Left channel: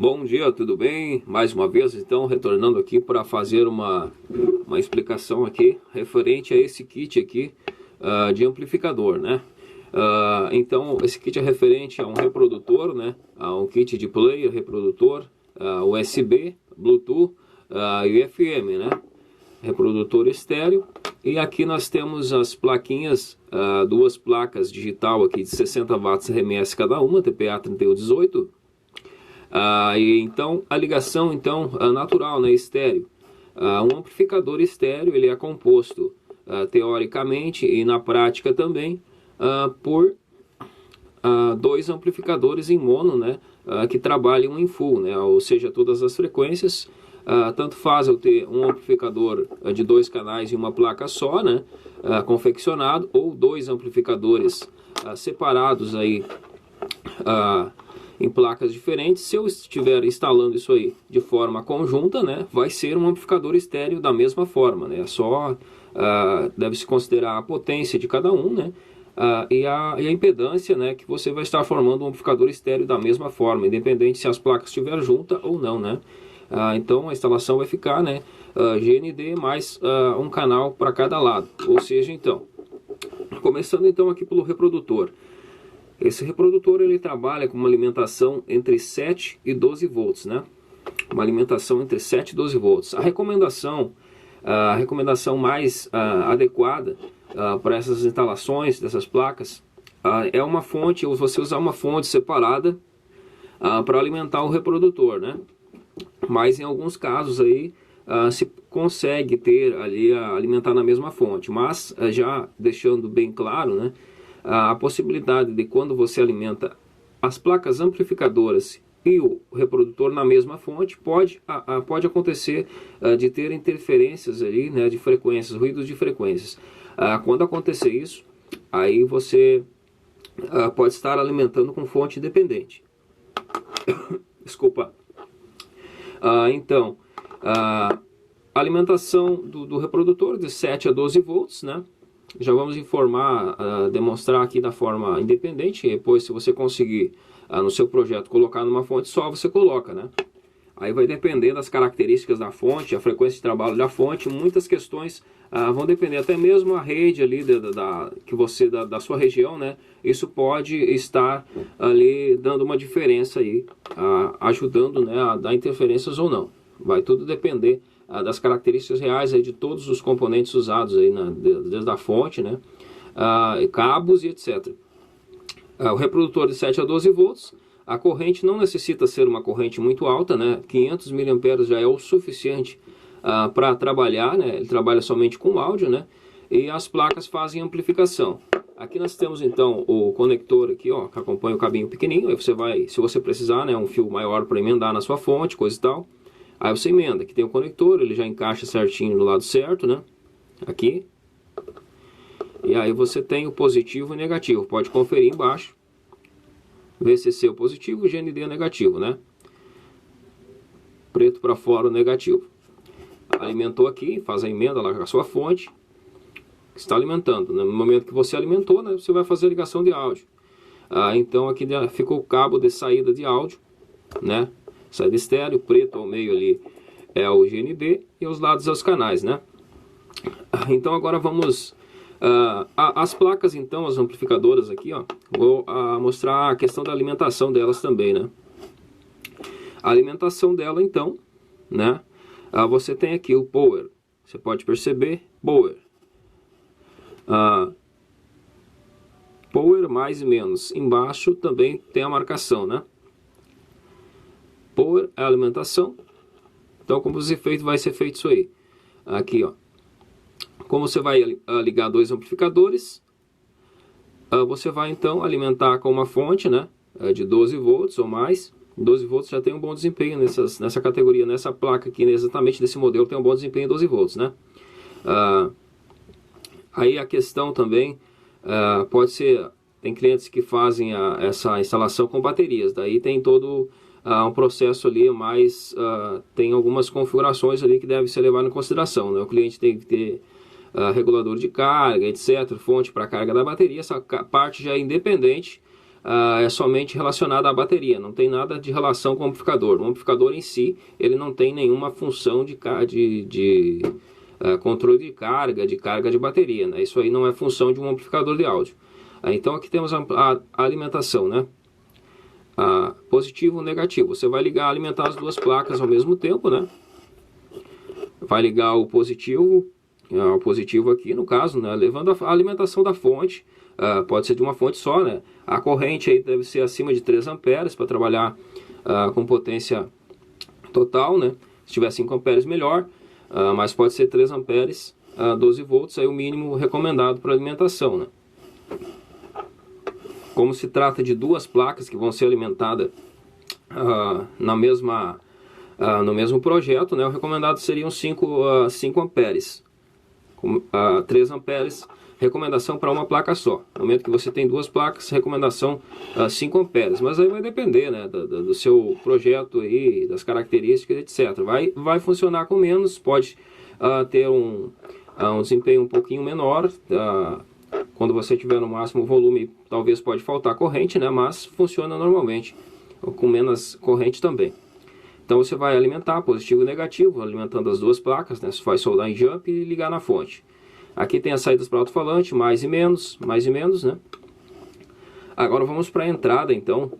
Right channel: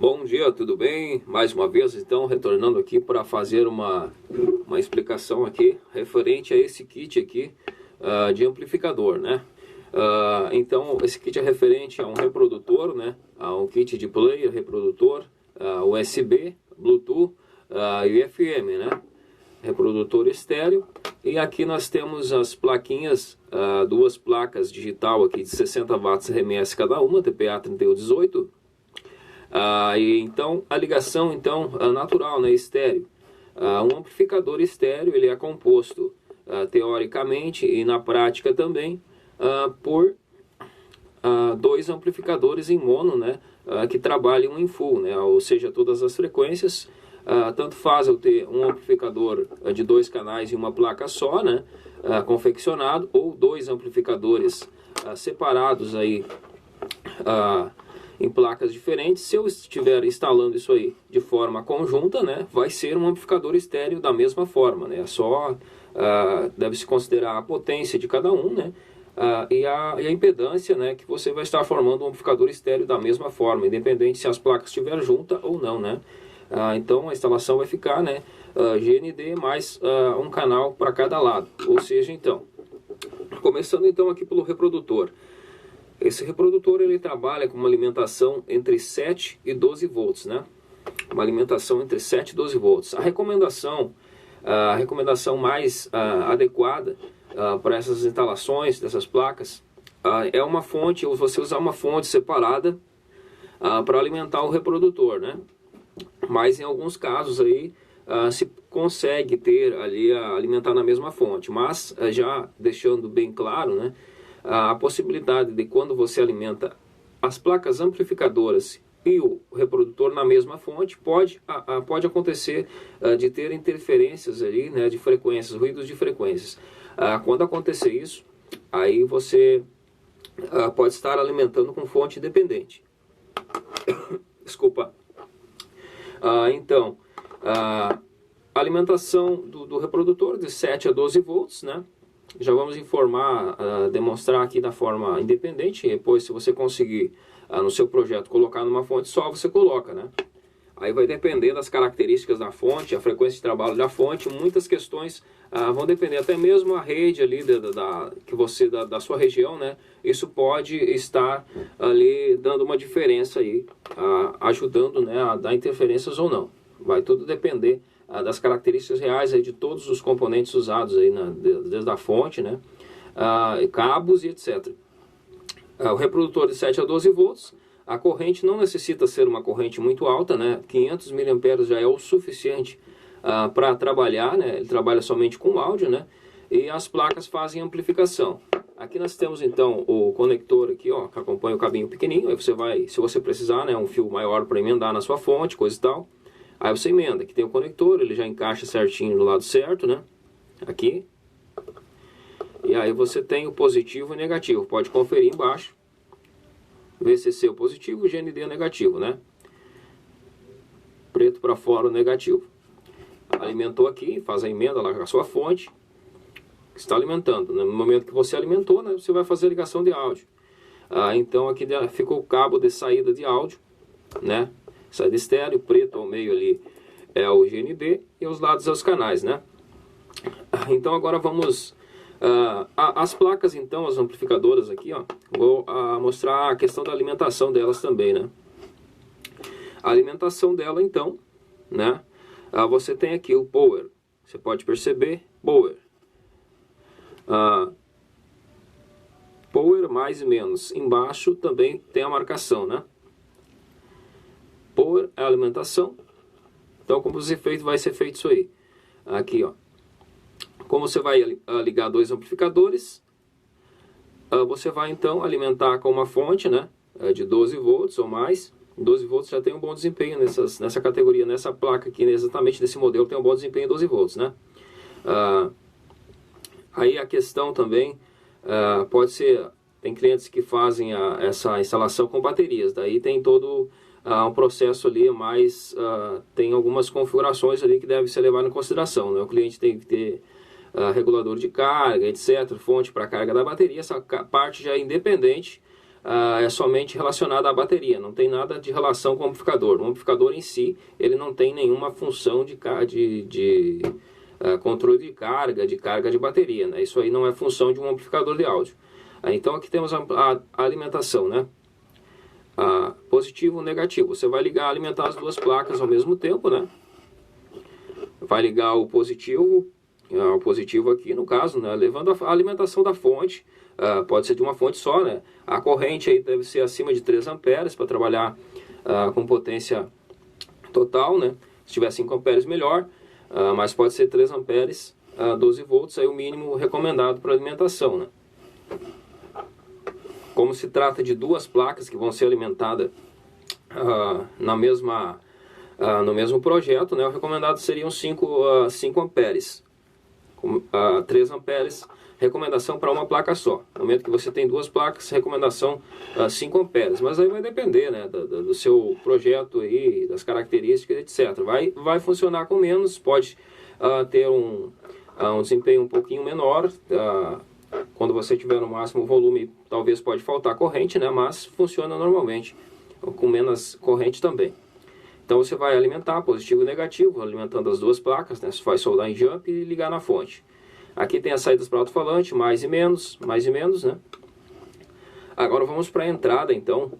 Bom dia, tudo bem? Mais uma vez, então, retornando aqui para fazer uma explicação aqui referente a esse kit aqui de amplificador, né? Então, esse kit é referente a um reprodutor, né? A um kit de player, reprodutor, USB, Bluetooth e FM, né? Reprodutor estéreo. E aqui nós temos as plaquinhas, duas placas digital aqui de 60 watts RMS cada uma, TPA 3118. Então a ligação natural, né, estéreo. Um amplificador estéreo ele é composto teoricamente e na prática também por dois amplificadores em mono, né, que trabalham em full, né, ou seja, todas as frequências. Tanto faz eu ter um amplificador de dois canais e uma placa só, né, confeccionado, ou dois amplificadores separados aí em placas diferentes. Se eu estiver instalando isso aí de forma conjunta, né, vai ser um amplificador estéreo da mesma forma, né, deve-se considerar a potência de cada um, né, e a impedância, né, que você vai estar formando um amplificador estéreo da mesma forma, independente se as placas estiverem juntas ou não, né. Então a instalação vai ficar, né, GND mais um canal para cada lado, ou seja, então, começando então aqui pelo reprodutor. Esse reprodutor ele trabalha com uma alimentação entre 7 e 12 volts, né? Uma alimentação entre 7 e 12 volts. A recomendação mais adequada para essas instalações dessas placas é uma fonte, ou você usar uma fonte separada para alimentar o reprodutor, né? Mas em alguns casos aí se consegue ter ali alimentar na mesma fonte, mas já deixando bem claro, né? A possibilidade de quando você alimenta as placas amplificadoras e o reprodutor na mesma fonte, pode acontecer de ter interferências ali, né, de frequências, ruídos de frequências. Quando acontecer isso, aí você pode estar alimentando com fonte independente. Desculpa. Então, a alimentação do reprodutor de 7 a 12 volts, né? Já vamos demonstrar aqui da forma independente. E depois, se você conseguir no seu projeto colocar numa fonte só, você coloca, né? Aí vai depender das características da fonte, a frequência de trabalho da fonte, muitas questões vão depender, até mesmo a rede ali da sua região, né? Isso pode estar ali dando uma diferença aí, ajudando, né, a dar interferências ou não. Vai tudo depender das características reais aí de todos os componentes usados aí, desde a fonte, né, cabos e etc. O reprodutor de 7 a 12 volts, a corrente não necessita ser uma corrente muito alta, né, 500 mA já é o suficiente para trabalhar, né, ele trabalha somente com áudio, né, e as placas fazem amplificação. Aqui nós temos então o conector aqui, ó, que acompanha o cabinho pequenininho. Aí você vai, se você precisar, né, um fio maior para emendar na sua fonte, coisa e tal. Aí você emenda, aqui tem o conector, ele já encaixa certinho do lado certo, né? Aqui. E aí você tem o positivo e o negativo. Pode conferir embaixo. VCC o positivo, GND o negativo, né? Preto para fora o negativo. Alimentou aqui, faz a emenda lá com a sua fonte. Está alimentando. No momento que você alimentou, né, você vai fazer a ligação de áudio. Então aqui ficou o cabo de saída de áudio, né? Saída estéreo, preto ao meio ali é o GND e os lados é os canais, né? Então agora vamos as placas, então, as amplificadoras aqui, ó, vou mostrar a questão da alimentação delas também, né? A alimentação dela, então, né? Você tem aqui o power, você pode perceber, power. Power mais e menos. Embaixo também tem a marcação, né? Power é a alimentação. Então, como vai ser feito isso aí? Aqui, ó. Como você vai ligar dois amplificadores, você vai então alimentar com uma fonte, né, de 12 volts ou mais. 12 volts já tem um bom desempenho nessa categoria, nessa placa aqui, exatamente desse modelo, tem um bom desempenho em 12 volts, né? Aí a questão também pode ser, tem clientes que fazem essa instalação com baterias, daí tem todo um processo ali, mas tem algumas configurações ali que devem ser levadas em consideração, né? O cliente tem que ter regulador de carga, etc., fonte para carga da bateria. Essa parte já é independente é somente relacionada à bateria, não tem nada de relação com o amplificador. O amplificador em si, ele não tem nenhuma função de controle de carga de bateria, né? Isso aí não é função de um amplificador de áudio. Então aqui temos a alimentação, né? Positivo e negativo. Você vai alimentar as duas placas ao mesmo tempo, né? Vai ligar o positivo aqui no caso, né? Levando a alimentação da fonte. Pode ser de uma fonte só, né? A corrente aí deve ser acima de 3 amperes para trabalhar com potência total, né? Se tiver 5 amperes melhor, mas pode ser 3 amperes, 12 volts, aí o mínimo recomendado para alimentação, né? Como se trata de duas placas que vão ser alimentadas no mesmo projeto, né? O recomendado seriam 5 amperes, 3 amperes, recomendação para uma placa só. No momento que você tem duas placas, recomendação 5 amperes. Mas aí vai depender, né, do seu projeto aí, das características, etc. Vai funcionar com menos, pode ter um desempenho um pouquinho menor. Quando você tiver no máximo volume, talvez pode faltar corrente, né, mas funciona normalmente, com menos corrente também. Então você vai alimentar positivo e negativo, alimentando as duas placas, né? Você vai soldar em jump e ligar na fonte. Aqui tem as saídas para alto-falante, mais e menos, né? Agora vamos para a entrada, então.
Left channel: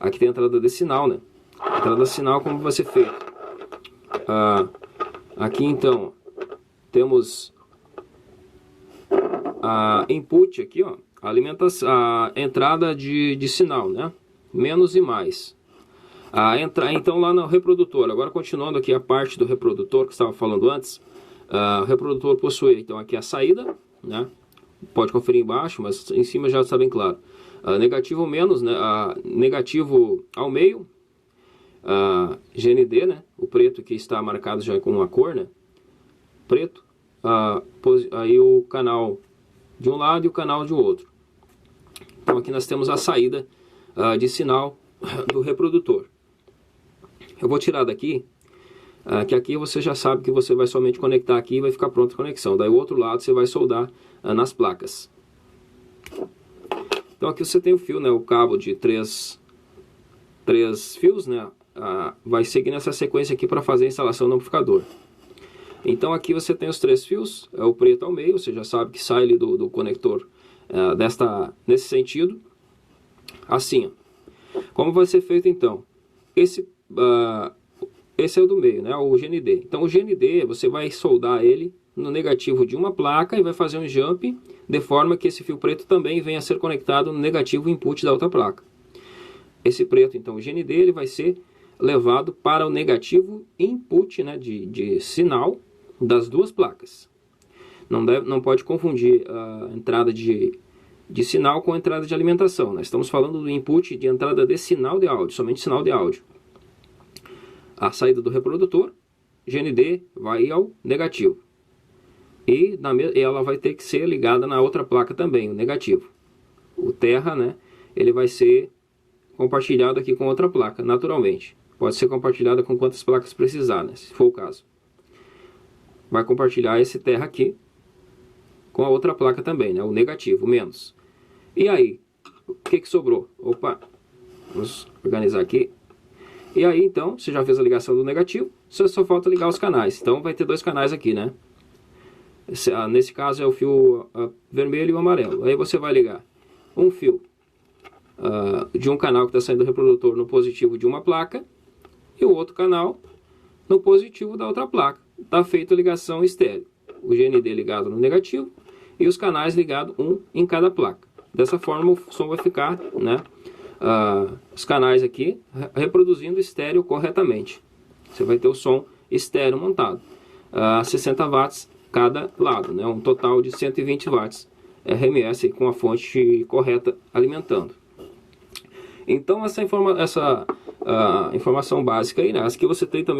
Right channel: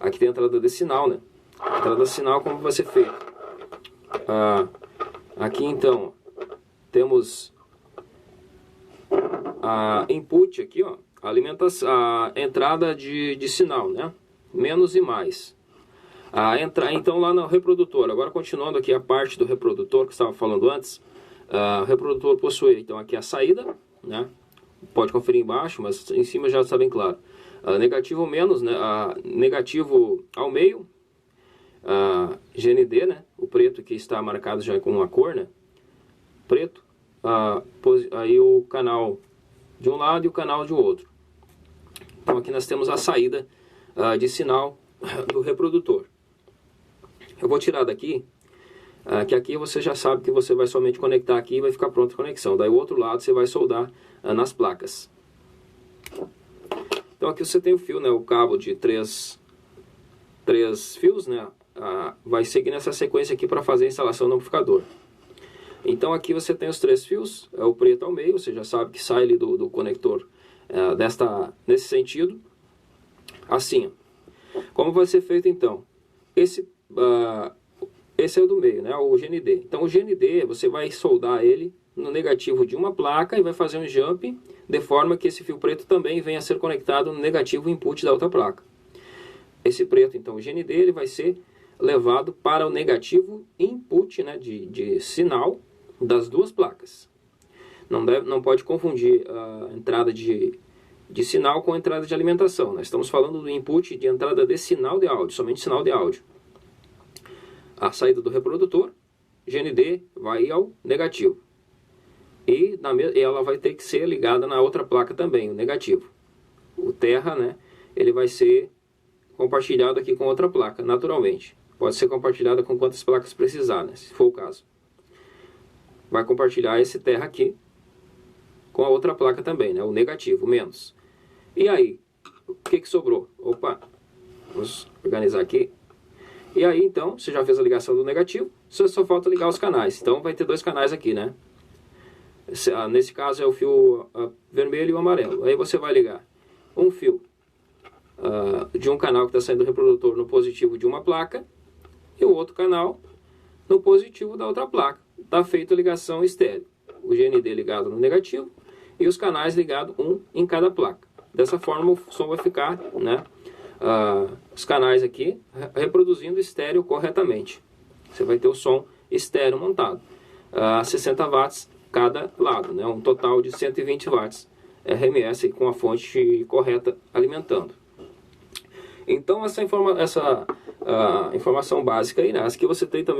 Aqui tem a entrada de sinal, né? A entrada de sinal, como vai ser feito? Aqui, então, temos a input aqui, ó. A entrada de sinal, né? Menos e mais. Então, lá no reprodutor, agora continuando aqui a parte do reprodutor que estava falando antes. O reprodutor possui, então, aqui a saída, né? Pode conferir embaixo, mas em cima já está bem claro. Negativo menos, né? Negativo ao meio, GND, né? O preto que está marcado já com uma cor, né? Preto. Aí o canal de um lado e o canal de outro. Então aqui nós temos a saída de sinal do reprodutor. Eu vou tirar daqui, que aqui você já sabe que você vai somente conectar aqui e vai ficar pronta a conexão. Daí o outro lado você vai soldar nas placas. Então aqui você tem o fio, né, o cabo de três fios, né, vai seguir nessa sequência aqui para fazer a instalação do amplificador. Então aqui você tem os 3 fios, o preto ao meio, você já sabe que sai ali do conector nesse sentido, assim, ó. Como vai ser feito então? Esse é o do meio, né? O GND. Então o GND você vai soldar ele no negativo de uma placa e vai fazer um jump de forma que esse fio preto também venha a ser conectado no negativo input da outra placa. Esse preto, então o GND, ele vai ser levado para o negativo input, né, de sinal das duas placas. Não pode confundir a entrada de sinal com a entrada de alimentação. Nós estamos falando do input de entrada de sinal de áudio, somente sinal de áudio. A saída do reprodutor, GND, vai ao negativo. E ela vai ter que ser ligada na outra placa também, o negativo. O terra, né, ele vai ser compartilhado aqui com outra placa, naturalmente. Pode ser compartilhada com quantas placas precisar, né, se for o caso. Vai compartilhar esse terra aqui com a outra placa também, né, o negativo, menos. E aí, o que sobrou? Opa, vamos organizar aqui. E aí, então, você já fez a ligação do negativo, só falta ligar os canais. Então, vai ter 2 canais aqui, né? Nesse caso é o fio vermelho e o amarelo. Aí você vai ligar um fio de um canal que está saindo do reprodutor no positivo de uma placa e o outro canal no positivo da outra placa. Está feita a ligação estéreo. O GND ligado no negativo e os canais ligados um em cada placa. Dessa forma o som vai ficar, né, os canais aqui reproduzindo estéreo corretamente. Você vai ter o som estéreo montado. 60 watts cada lado, né, um total de 120 watts RMS com a fonte correta alimentando. Então essa informação básica aí, né, as que você tem também